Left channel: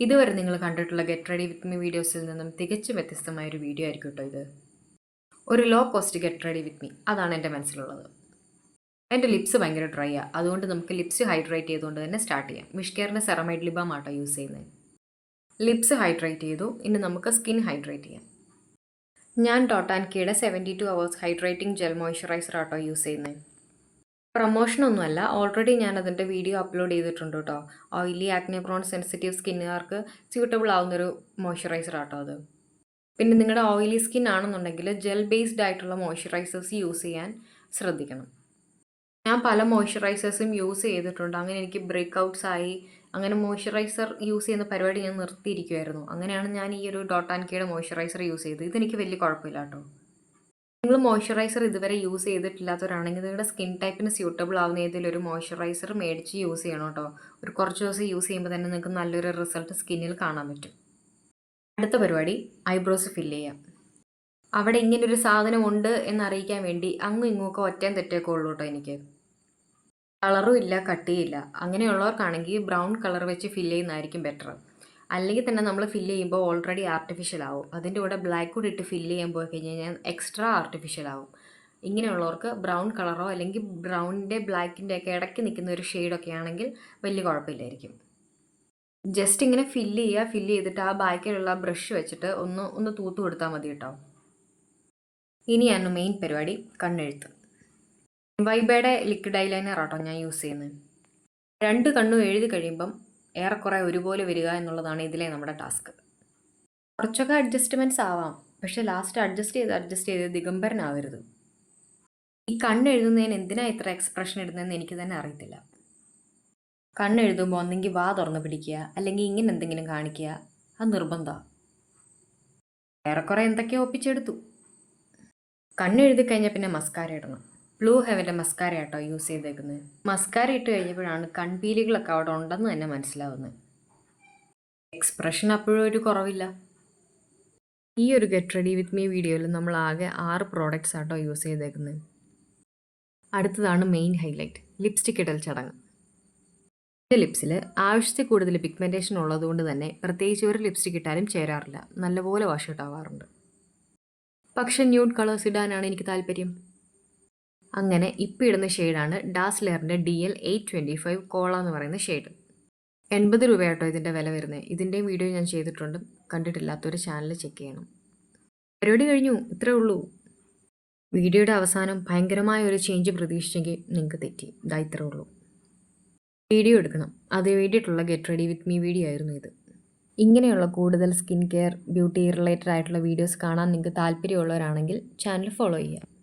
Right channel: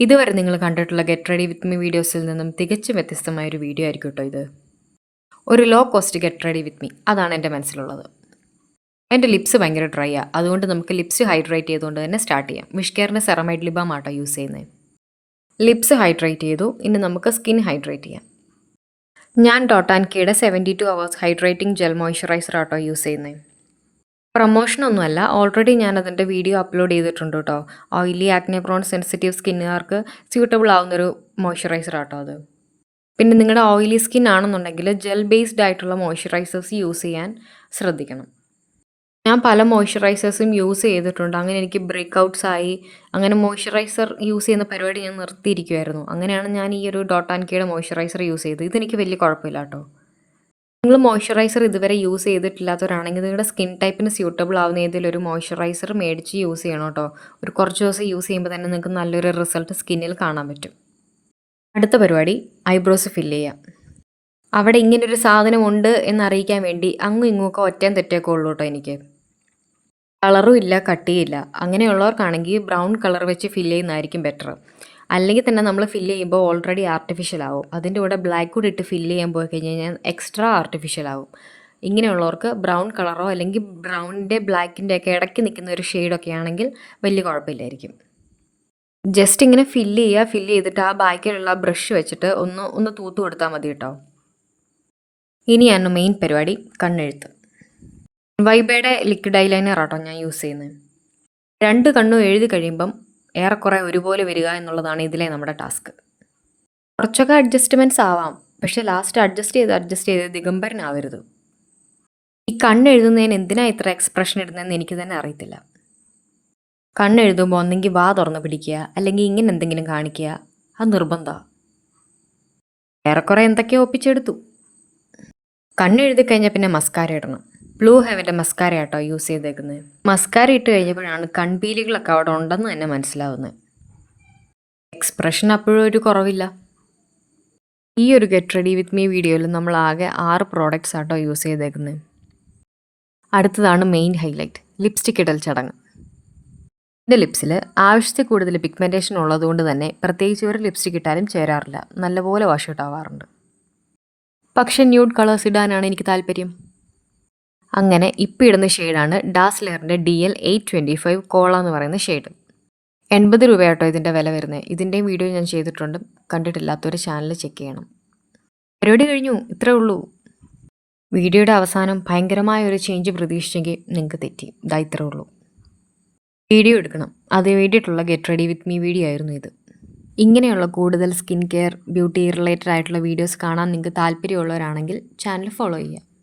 ഇതുവരെ നിങ്ങൾ കണ്ടിട്ടുള്ള ഗെറ്റ് റെഡി വിത്ത് മീ വീഡിയോസിൽ നിന്നും തികച്ചും വ്യത്യസ്തമായ ഒരു വീഡിയോ ആയിരിക്കും കേട്ടോ ഇത്. ഒരു low cost get ready with me അതാണ് എന്റെ മനസ്സിലുള്ളത്. എന്റെ ലിപ്സ് ഭയങ്കര ഡ്രൈ ആണ് അതുകൊണ്ട് നമുക്ക് ലിപ്സ് ഹൈഡ്രേറ്റ് ചെയ്തുകൊണ്ട് തന്നെ സ്റ്റാർട്ട് ചെയ്യാം. വിഷ്കെയറിന്റെ സെറമൈഡ് ലിബാം ആട്ടോ യൂസ് ചെയ്യുന്നത് ലിപ്സ് ഹൈഡ്രേറ്റ് ചെയ്തു ഇനി നമുക്ക് സ്കിൻ ഹൈഡ്രേറ്റ് ചെയ്യാം. ഞാൻ ഡോട്ട് കീയുടെ seventy two hours hydrating gel moisturiser ആട്ടോ യൂസ് ചെയ്യുന്നത് പ്രൊമോഷനൊന്നുമല്ല. ഓൾറെഡി ഞാൻ അതിന്റെ വീഡിയോ അപ്ലോഡ് ചെയ്തിട്ടുണ്ട് കേട്ടോ. ഓയിലി ആക്നെ പ്രോൺ സെൻസിറ്റീവ് സ്കിന്നുകാർക്ക് സ്യൂട്ടബിൾ ആവുന്നൊരു മോയ്സ്ചറൈസർ ആട്ടോ അത്. പിന്നെ നിങ്ങളുടെ ഓയിലി സ്കിൻ ആണെന്നുണ്ടെങ്കിൽ ജെൽ ബേസ്ഡ് ആയിട്ടുള്ള മോയ്സ്ചറൈസേഴ്സ് യൂസ് ചെയ്യാൻ ശ്രദ്ധിക്കണം. ഞാൻ പല മോയ്സ്ചറൈസേഴ്സും യൂസ് ചെയ്തിട്ടുണ്ട്. അങ്ങനെ എനിക്ക് ബ്രേക്ക് ഔട്ട്സ് ആയി. അങ്ങനെ മോയ്സ്ചറൈസർ യൂസ് ചെയ്യുന്ന പരിപാടി ഞാൻ നിർത്തിയിരിക്കുമായിരുന്നു അങ്ങനെയാണ് ഞാൻ ഈ ഒരു ഡോട്ട് ആൻഡ് കെയുടെ മോയ്സ്ചറൈസർ യൂസ് ചെയ്തത്. ഇതെനിക്ക് വലിയ കുഴപ്പമില്ല കേട്ടോ. നിങ്ങൾ മോയ്സ്ചറൈസർ ഇതുവരെ യൂസ് ചെയ്തിട്ടില്ലാത്തവരാണെങ്കിൽ നിങ്ങളുടെ സ്കിൻ ടൈപ്പിന് സ്യൂട്ടബിൾ ആവുന്ന ഏതെങ്കിലും ഒരു മോയ്സ്ചറൈസർ മേടിച്ച് യൂസ് ചെയ്യണം കേട്ടോ. ഒരു കുറച്ച് ദിവസം യൂസ് ചെയ്യുമ്പോൾ തന്നെ നിങ്ങൾക്ക് നല്ലൊരു റിസൾട്ട് സ്കിന്നിൽ കാണാൻ പറ്റും. അടുത്ത പരിപാടി ഐബ്രോസ് ഫില്ല് ചെയ്യുക അവിടെ ഇങ്ങനൊരു സാധനമുണ്ട് എന്നറിയിക്കാൻ വേണ്ടി അങ്ങും ഇങ്ങുമൊക്കെ ഒറ്റയും തെറ്റൊക്കെ ഉള്ളൂ കേട്ടോ എനിക്ക്. കളറും ഇല്ല കട്ടിയില്ല അങ്ങനെയുള്ളവർക്കാണെങ്കിൽ ബ്രൗൺ കളർ വെച്ച് ഫില്ല് ചെയ്യുന്നതായിരിക്കും ബെറ്റർ അല്ലെങ്കിൽ തന്നെ നമ്മൾ ഫില്ല് ചെയ്യുമ്പോൾ ഓൾറെഡി ആർട്ടിഫിഷ്യൽ ആവും. അതിന്റെ കൂടെ ബ്ലാക്ക് കൂടി ഇട്ട് ഫില്ല് ചെയ്യാൻ പോയി കഴിഞ്ഞ് കഴിഞ്ഞാൽ എക്സ്ട്രാ ആർട്ടിഫിഷ്യൽ ആവും. ഇങ്ങനെയുള്ളവർക്ക് ബ്രൗൺ കളറോ അല്ലെങ്കിൽ ബ്രൗണിന്റെ ബ്ലാക്കിന്റെ ഒക്കെ ഇടയ്ക്ക് നിൽക്കുന്ന ഒരു ഷെയ്ഡൊക്കെ ആണെങ്കിൽ വലിയ കുഴപ്പമില്ലായിരിക്കും. ജസ്റ്റ് ഇങ്ങനെ ഫില്ല് ചെയ്യുക ഫില്ല് ചെയ്തിട്ട് ആ ബാക്കിലുള്ള ബ്രഷ് വെച്ചിട്ട് ഒന്ന് ഒന്ന് തൂത്ത് കൊടുത്താൽ മതി കേട്ടോ. ഇനിയാണ് മെയിൻ പരിപാടി കണ്ണെഴുത്ത്. വൈബയുടെ ലിക്വിഡ് ഐലൈനർ ആട്ടോ ഞാൻ യൂസ് ചെയ്യുന്നത്. രണ്ട് കണ്ണും എഴുതി കഴിയുമ്പം ഏറെക്കുറെ ഒരുപോലെ വരിക എന്നുള്ളതാണ് ഇതിലെ നമ്മുടെ ടാസ്ക്. കുറച്ചൊക്കെ അഡ്ജസ്റ്റ്മെന്റ്സ് ആവാം. പക്ഷേ ലാസ്റ്റ് അഡ്ജസ്റ്റ് ചെയ്ത് അഡ്ജസ്റ്റ് ചെയ്ത് ദിഗംബരനാവരുത്. ഈ കണ്ണെഴുതുന്നതിന് എന്തിനാണ് ഇത്ര എക്സ്പ്രഷൻ ഇടുന്നതെന്ന് എനിക്ക് തന്നെ അറിയത്തില്ല. കണ്ണെഴുതുമ്പോൾ ഒന്നെങ്കിൽ വാ തുറന്ന് പിടിക്കുക അല്ലെങ്കിൽ ഇങ്ങനെ എന്തെങ്കിലും കാണിക്കുക. അത് നിർബന്ധമാണ് ഏറെക്കുറെ എന്തൊക്കെയോ ഒപ്പിച്ചെടുത്തു. കണ്ണെഴുതി കഴിഞ്ഞാൽ പിന്നെ മസ്കാര ഇടണം. ബ്ലൂ ഹെവന്റെ മസ്കാര ആട്ടോ യൂസ് ചെയ്തേക്കുന്നത്. മസ്കാര ഇട്ട് കഴിഞ്ഞപ്പോഴാണ് കൺപീലികളൊക്കെ അവിടെ ഉണ്ടെന്ന് തന്നെ മനസ്സിലാവുന്നത്. എക്സ്പ്രഷൻ അപ്പോഴും ഒരു കുറവില്ല. ഈ ഒരു ഗെറ്റ് റെഡി വിത്ത് മീ വീഡിയോയിൽ നമ്മൾ ആകെ ആറ് പ്രോഡക്റ്റ്സ് ആട്ടോ യൂസ് ചെയ്തേക്കുന്നത്. അടുത്തതാണ് മെയിൻ ഹൈലൈറ്റ് ലിപ്സ്റ്റിക് ഇടൽ ചടങ്ങ്. എന്റെ ലിപ്സിൽ ആവശ്യത്തിൽ കൂടുതൽ പിഗ്മെന്റേഷൻ ഉള്ളതുകൊണ്ട് തന്നെ പ്രത്യേകിച്ച് ഒരു ലിപ്സ്റ്റിക് ഇട്ടാലും ചേരാറില്ല. നല്ലപോലെ വാഷ് ഔട്ട് ആവാറുണ്ട്. പക്ഷേ ന്യൂഡ് കളേഴ്സ് ഇടാനാണ് എനിക്ക് താല്പര്യം. അങ്ങനെ ഇപ്പം ഇടുന്ന ഷെയ്ഡാണ് ഡാസ്ലറിന്റെ D L eight twenty five cola എന്ന് പറയുന്ന ഷെയ്ഡ്. എൺപത് രൂപയാട്ടോ ഇതിന്റെ വില വരുന്നത്. ഇതിന്റെയും വീഡിയോ ഞാൻ ചെയ്തിട്ടുണ്ട്. കണ്ടിട്ടില്ലാത്തവർ ചാനൽ ചെക്ക് ചെയ്യണം. പരിപാടി കഴിഞ്ഞു. ഇത്രേ ഉള്ളൂ. വീഡിയോയുടെ അവസാനം ഭയങ്കരമായ ഒരു ചേഞ്ച് പ്രതീക്ഷിച്ചെങ്കിൽ നിങ്ങൾക്ക് തെറ്റി. ഇതാ ഇത്രേ ഉള്ളൂ. വീഡിയോ എടുക്കണം. അതിന് വേണ്ടിയിട്ടുള്ള get ready with me video ആയിരുന്നു ഇത്. ഇങ്ങനെയുള്ള കൂടുതൽ സ്കിൻ കെയർ ബ്യൂട്ടി റിലേറ്റഡ് ആയിട്ടുള്ള വീഡിയോസ് കാണാൻ നിങ്ങൾക്ക് താല്പര്യമുള്ളവരാണെങ്കിൽ ചാനൽ ഫോളോ ചെയ്യുക.